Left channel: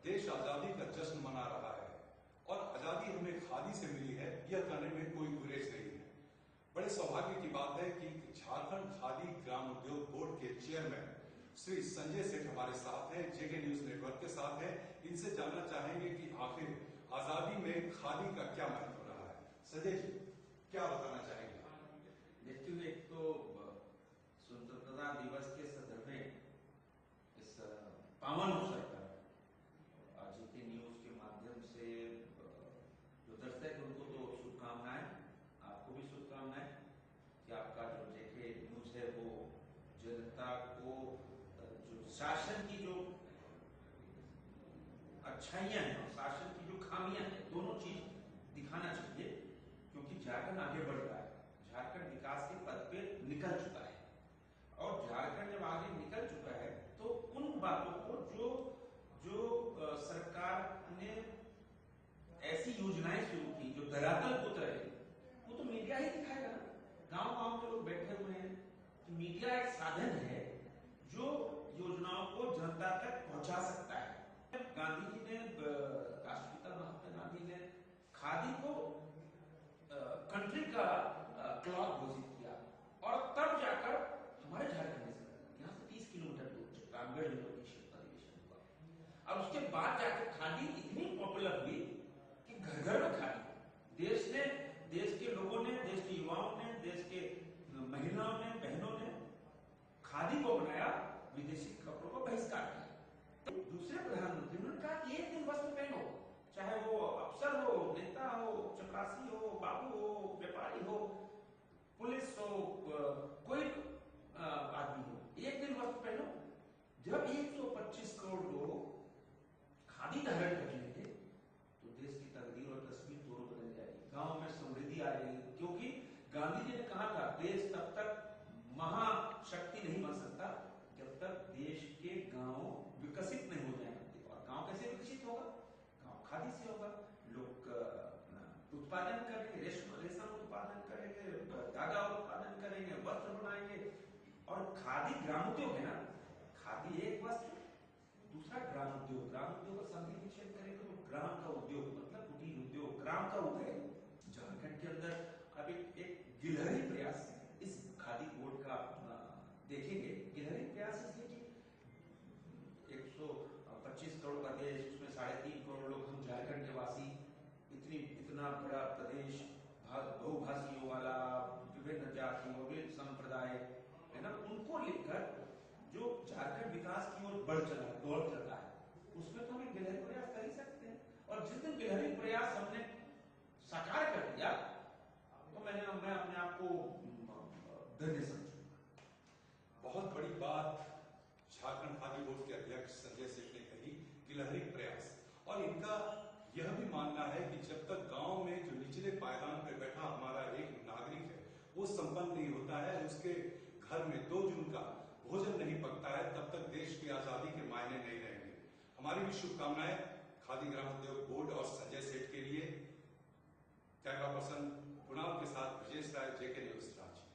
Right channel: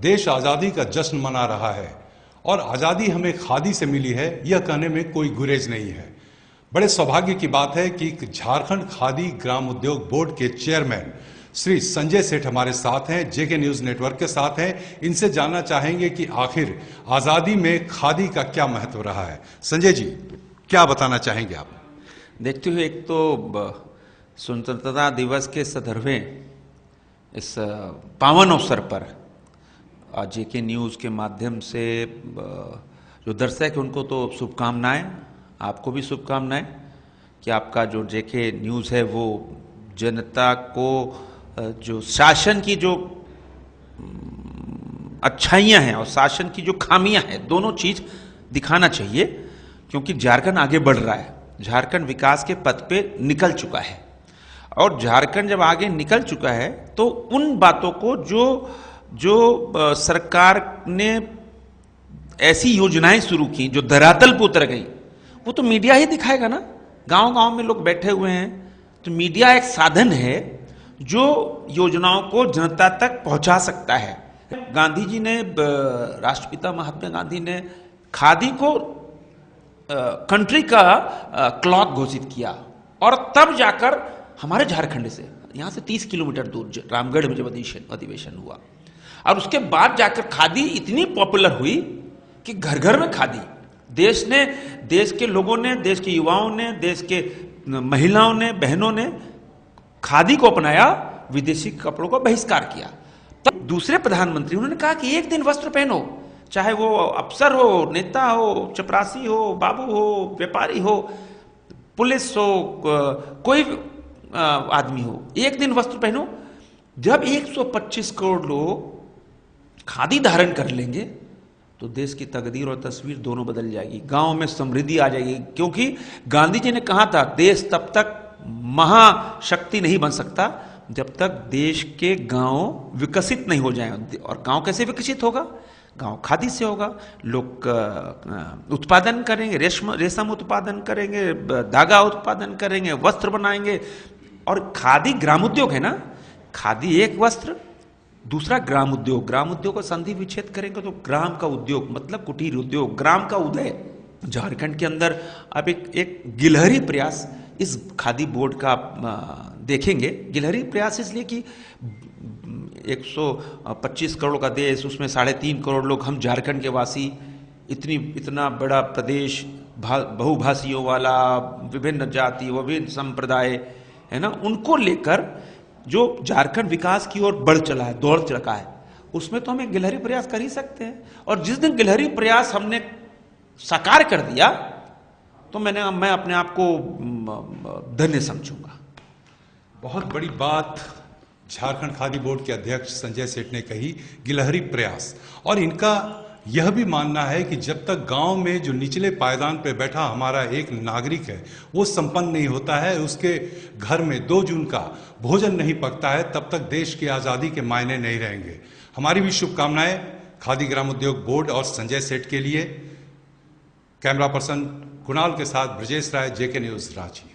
देश आज़ादी का जश्न मना रहा है और आज़ादी हमें खादी से मिली है, यह कहने में कोई गुरेज नहीं है। बड़े सौभाग्य की बात है कि झारखंड खादी ग्राम उद्योग बोर्ड के चेयरमैन श्री संजय सेठ हमारे साथ हैं, जेके न्यूज़ नेटवर्क के साथ हैं। इनसे जानना चाहेंगे कि आखिर आज़ादी में खादी का क्या महत्व रहा है। संजय जी, क्या बताना चाहेंगे आप? देखते हुए, एक तो स्वतंत्रता दिवस के संदर्भें इस पावन अवसर पर जेके न्यूज़ के माध्यम से जो दर्शक है उनको तो शुभकामनाएं, आपको भी शुभकामनाएं कि आपका जो जेके न्यूज़ है वो जनता को जो शासन की जो अच्छाइयां हैं और शासन की जो खामियां हैं, दोनों चीज़ दिखाना चाहिए, क्योंकि झारखंड आगे बढ़ रहा है। झारखंड विकास के पथ पे निकल चुका है और झारखंड जब आगे निकल चुका है तो उन बातों को जो सरकार ने ऐसी योजनाएं शुरू की जो धरातल पर उतर गई, वो तो मीडिया ही दिखाएगा ना। गांव-गांव में लोग बैठे हुए हैं, तो मीडिया एक साधन है जो योजनाओं को जनता तक पहुंचा सकता है। गांधी जी ने, राष्ट्रपिता महात्मा गांधी ने खादी को कंट्री का क्लॉथ घोषित किया और तब जाकर हमारे झारखंड से, यहाँ से 30 किलोमीटर दूर रामगढ़ में जब अधिवेशन हुआ और उसके बाद जाकर खादी इतनी पॉपुलर हुई कि घर घर में खादी, देश के लोगों ने, देश के युवाओं ने, देश के महिलाओं ने, बहनों ने खादी को अपनाया, विदेशी कपड़ों का बहिष्कार किया। तब दूसरे प्रधानमंत्री उन्होंने कहा कि एक दिन वस्त्र पहनो, चाहे वो अफसर हो, नेता हो, चपरासी हो, बाबू हो, व्यापारी हो, पुलिस हो, कोई आदमी हो, एक दिन वस्त्र पहनो। जब 125 करोड़ लोग खादी धारण कर लेंगे तो देश की तकदीर और तस्वीर दोनों बदल जाएगी, गांव में समृद्धि आ जाएगी। क्योंकि गांधी जी ने कहा था, देश तब तक महाशक्ति नहीं बन सकता जब तक देश के गांव विकसित नहीं हो जाएं। और गांव कैसे विकसित होगा? गांव खादी से होगा। लोग उत्पादन करेंगे, रेशम उत्पादन करेंगे, धागा उत्पादन करेंगे, वस्त्र बनाएंगे। और खादी ग्राम उद्योग है ना, खादी एक वस्त्र, दूसरा ग्राम उद्योग। ग्राम उद्योग का संधि विच्छेद करेंगे तो ग्राम का उद्योग मतलब कुटीर उद्योग, ग्राम का उदय। झारखंड के अंदर अब एक गिलहरी प्रयास इस खादी बोर्ड का देखेंगे। गिलहरी प्रयास इसलिए कि 125 करोड़ का देश, उसमें 3.5 करोड़ लोग हम झारखंड के वासी, इतना बड़ा प्रदेश, बहुभाषियों वाला, विभिन्न जाति, विभिन्न संप्रदाय है ना, उनको लेकर जो झारखंड विकास की ओर बढ़ चला है, दौड़ चला है, उसमें तो हम एक गिलहरी प्रयास कर ही सकते हैं। और जिस दिन गिलहरी प्रयास हमने साकार कर दिया तो मैं अपने आप को धन्य समझूंगा। बहुत बड़ी बात झारखंड खादी बोर्ड के अध्यक्ष संजय सेठ ने कही, गिलहरी प्रयास। और इनका यह भी मानना है कि जब तक गांव में जो निचले पायदान पर बैठा हमारा एक नागरिक है वो संपन्न नहीं होता है, उसके घर में 2 जून का भोजन नहीं पकता है, तब तक देश की आज़ादी के मायने नहीं रहेंगे। हमारी भी शुभकामनाएं खादी ग्राम उद्योग बोर्ड और संजय सेठ के लिए। कैमरा पर्सन कुणाल के साथ ब्रजेश राय, जेके न्यूज़, रांची।